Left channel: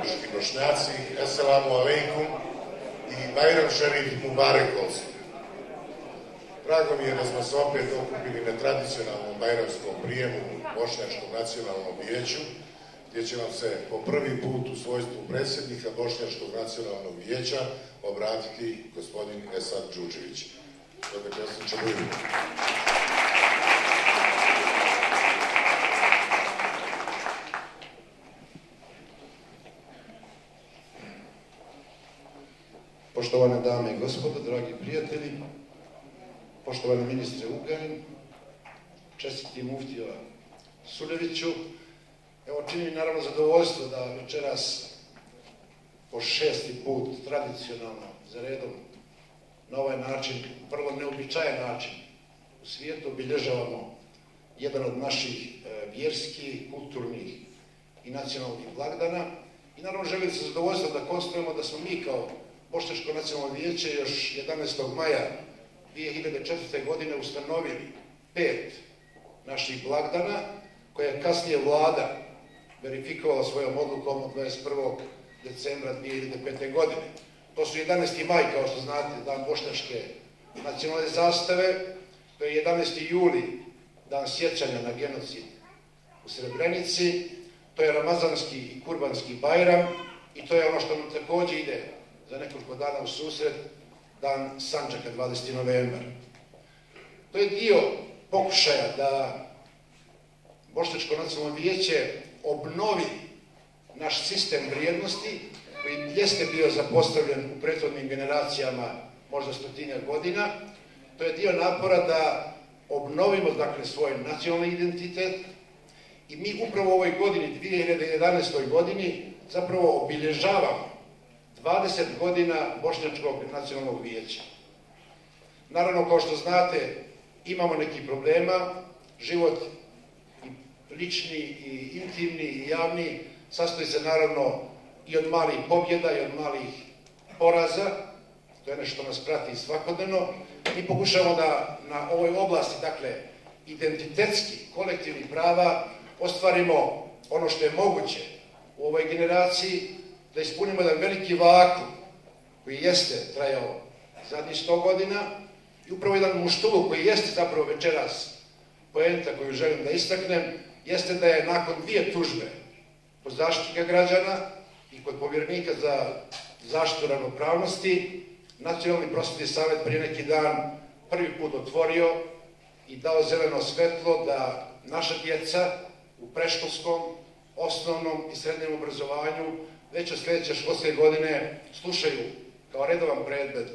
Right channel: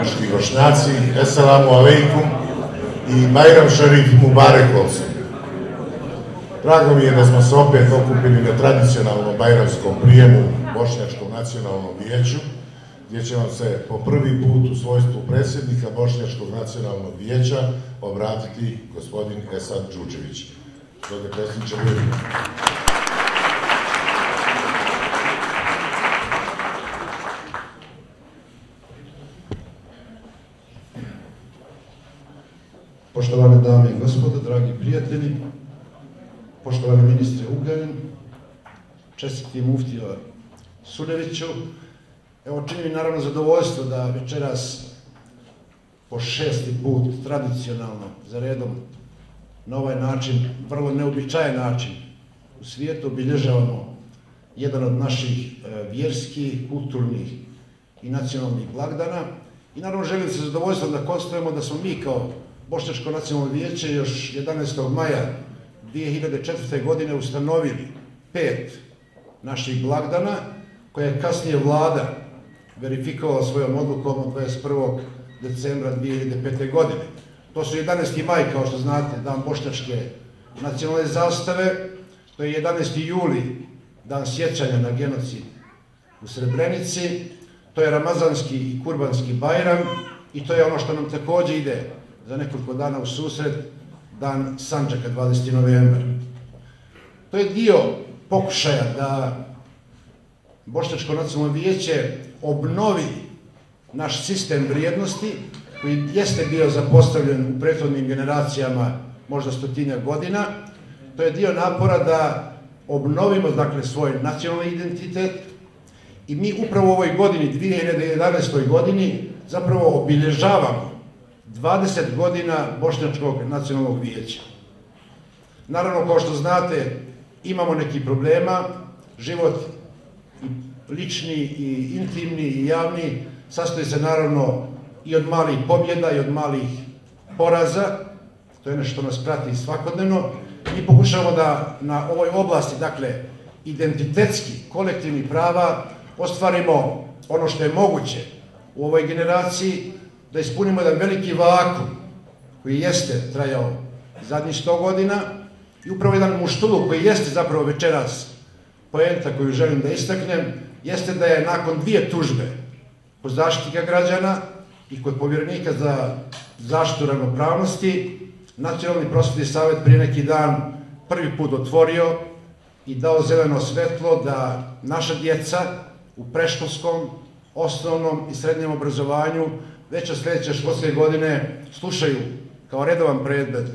Bošnjački Bošnjaci, Esselamu alaikum i Bajram Šerif Mubarek olsun. Drago mi je da smo se opet okupili na tradicionalnom bajramskom prijemu Bošnjačkom nacionalnom vijeću, gdje će vam se po prvi put u svojstvu predsjednika Bošnjačkog nacionalnog vijeća obratiti gospodin Esad Džudžević. Gospodine predsjedniče, budimo. Poštovane dame i gospodo, dragi prijatelji, poštovani ministre Ugljanin, čestiti muftija Suljeviću, evo čini mi naravno zadovoljstvo da večeras po 6. put tradicionalno za redom na ovaj način, vrlo neobičajan način u svijetu obilježavamo jedan od naših vjerskih, kulturnih i nacionalnih blagdana i naravno želim se zadovoljstvom da konstatujemo da smo mi kao Bošnjačko nacionalno vijeće još 11. maja 2004. godine ustanovili 5 naših blagdana koje je kasnije vlada verifikovala svojom odlukom od 21. decembra 2005. godine. To su 11. maj, kao što znate, dan Bošnjačke nacionalne zastave, to je 11. juli, dan sjećanja na genocid u Srebrenici, to je Ramazanski i Kurbanski Bajram i to je ono što nam također ide za nekoliko dana u susret, dan Sandžaka, 20. novembar. To je dio pokušaja da Bošnjačko nacionalno vijeće obnovi naš sistem vrijednosti koji jeste bio zapostavljen u prethodnim generacijama možda 100 godina. To je dio napora da obnovimo dakle svoj nacionalni identitet i mi upravo u ovoj godini, 2011. godini, zapravo obilježavamo 20 godina Bošnjačkog nacionalnog vijeća. Naravno, kao što znate, imamo nekih problema, život i lični i intimni i javni sastoji se naravno i od malih pobjeda i od malih poraza, to je nešto što nas prati svakodnevno. Mi pokušamo da na ovoj oblasti, dakle, identitetski, kolektivnih prava, ostvarimo ono što je moguće u ovoj generaciji, da ispunimo jedan veliki vakum koji jeste trajao zadnjih 100 godina i upravo jedan muštuluk koji jeste zapravo večeras poenta koju želim da istaknem, jeste da je nakon 2 tužbe kod Zaštitnika građana i kod povjerenika za zaštitu ravnopravnosti, Nacionalni prosvetni savjet prije neki dan prvi put otvorio i dao zeleno svetlo da naša djeca u predškolskom, osnovnom i srednjem obrazovanju već od sljedeće školske godine slušaju kao redovan predmet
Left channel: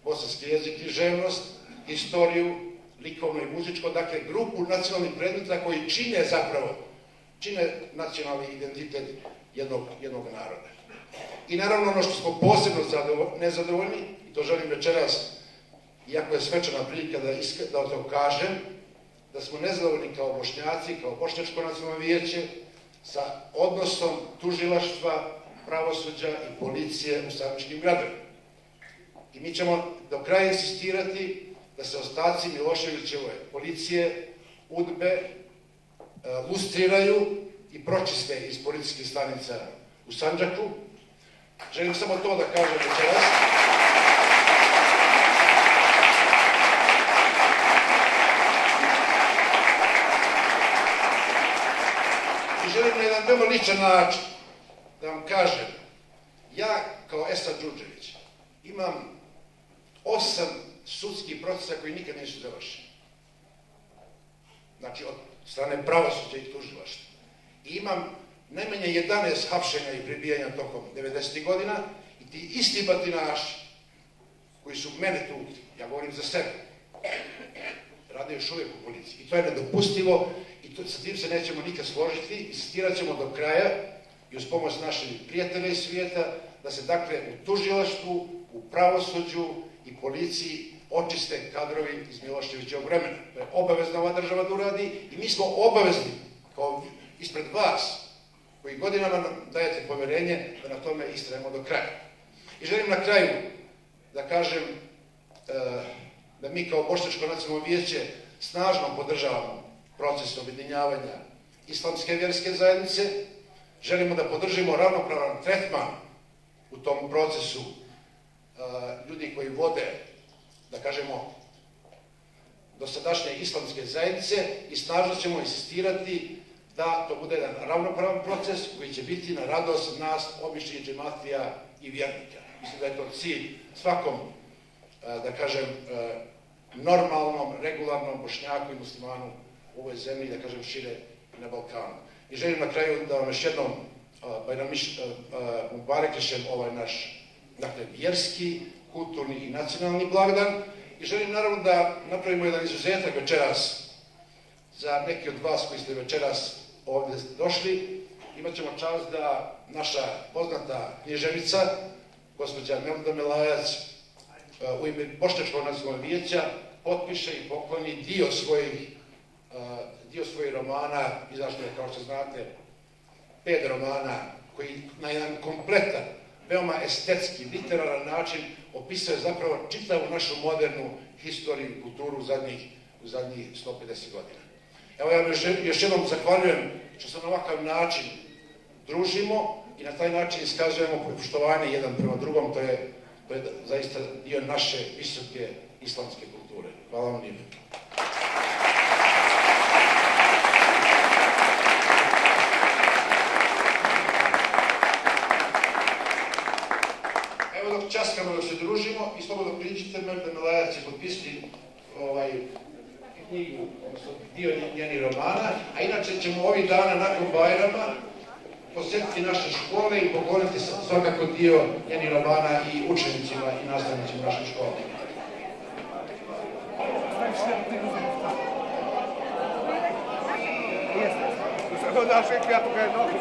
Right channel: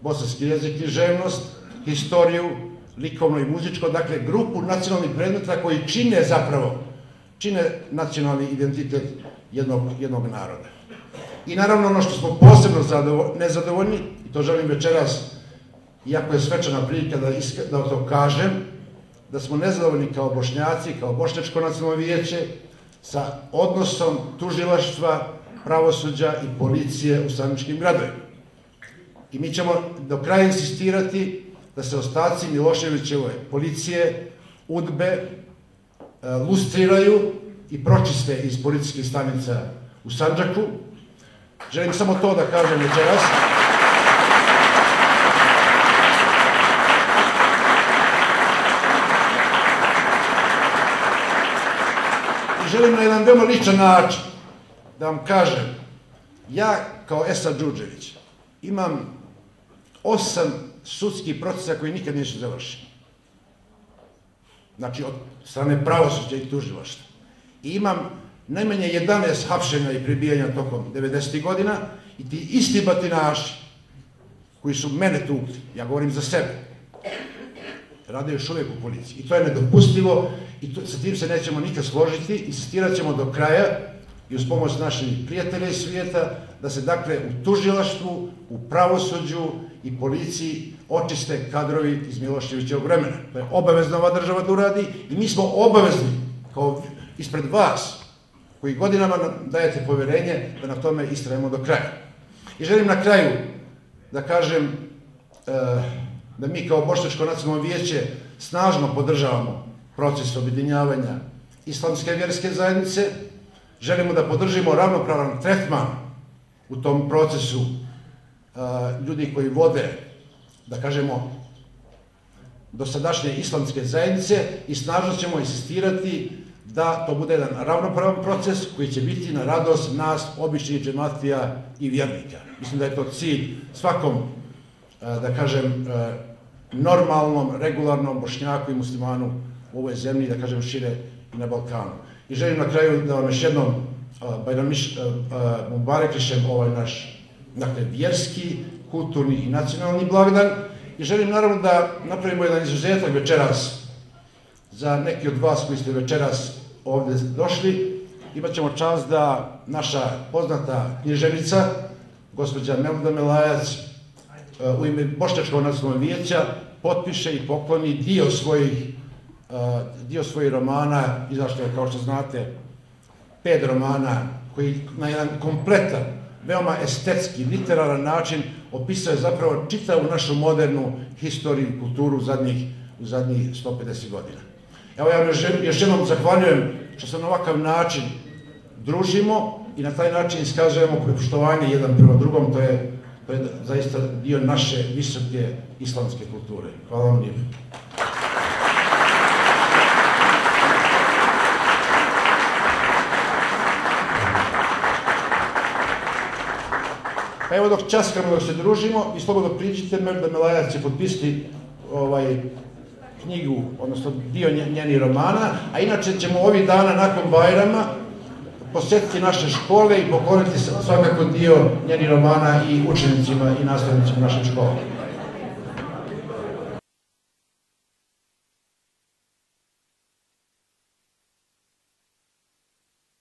bosanski jezik i književnost, historiju, likovno i muzičko, dakle grupu nacionalnih predmeta koji čine nacionalni identitet jednog naroda. I naravno ono što smo posebno nezadovoljni, i to želim večeras, iako je svečana prilika da to kažem, da smo nezadovoljni kao Bošnjaci, kao Bošnjačko nacionalno vijeće, sa odnosom tužilaštva, pravosuđa i policije u sandžačkim gradovima. I mi ćemo do kraja insistirati da se ostaci Miloševićeve policije, UDBE, lustriraju i pročiste iz policijskih stanica u Sandžaku. Želim samo to da kažem večeras. I želim na jedan veoma ličan način da vam kažem, ja kao Esad Džudžević imam 8 sudskih procesa koji nikad nisu završeni. Znači od strane pravosuđa i tužilaštva. I imam najmanje 11 hapšenja i pribijanja tokom 90. godina i ti isti batinaši koji su mene tukli, ja govorim za sebe, rade još uvijek u policiji. I to je nedopustivo i sa tim se nećemo nikad složiti. Insistirat ćemo do kraja i uz pomoć naših prijatelja iz svijeta da se dakle u tužilaštvu, u pravosuđu i policiji očiste kadrovi iz Miloševićevog vremena. To je obavezna ova država da uradi i mi smo obavezni kao ispred vas koji godinama dajete povjerenje da na tome istrajemo do kraja. I želim na kraju da kažem da mi kao Bošnjačko nacionalno vijeće snažno podržavamo proces objedinjavanja islamske vjerske zajednice. želimo da podržimo ravnopravan tretman u tom procesu ljudi koji vode, da kažemo, dosadašnje islamske zajednice i snažno ćemo insistirati da to bude jedan ravnopravan proces koji će biti na radost nas, običnih džematija i vjernika. Mislim da je to cilj svakom, da kažem, normalnom, regularnom Bošnjaku i muslimanu u ovoj zemlji, da kažem, šire i na Balkanu. I želim na kraju da vam još jednom mubarekišem ovaj naš, dakle, vjerski, kulturni i nacionalni blagdan. I želim naravno da napravimo jedan izuzetak večeras za neki od vas koji ste večeras ovdje došli. Imat ćemo čast da naša poznata književnica, gospođa Melda Melajac, u ime Bošnjačkog nacionalnog vijeća potpiše i pokloni dio svojih romana. Izašlo je, kao što znate, 5 romana koji na jedan kompletan, veoma estetski, literaran način opisuje zapravo čitavu našu modernu historiju i kulturu u zadnjih 150 godina. Evo, ja još jednom zahvaljujem što se na ovakav način družimo i na taj način iskazujemo poštovanje jedan prema drugom. To je zaista dio naše visoke islamske kulture. Hvala vam lijepo. Evo, dok časkamo, dok se družimo, i slobodno priđite, Melda Melajac će potpisati knjigu, odnosno dio njenih romana, a inače ćemo ovih dana nakon Bajrama posjetiti naše škole i pokloniti svakako dio njenih romana i učenicima i nastavnicima naših škola. Naše kvijato ga je nogu,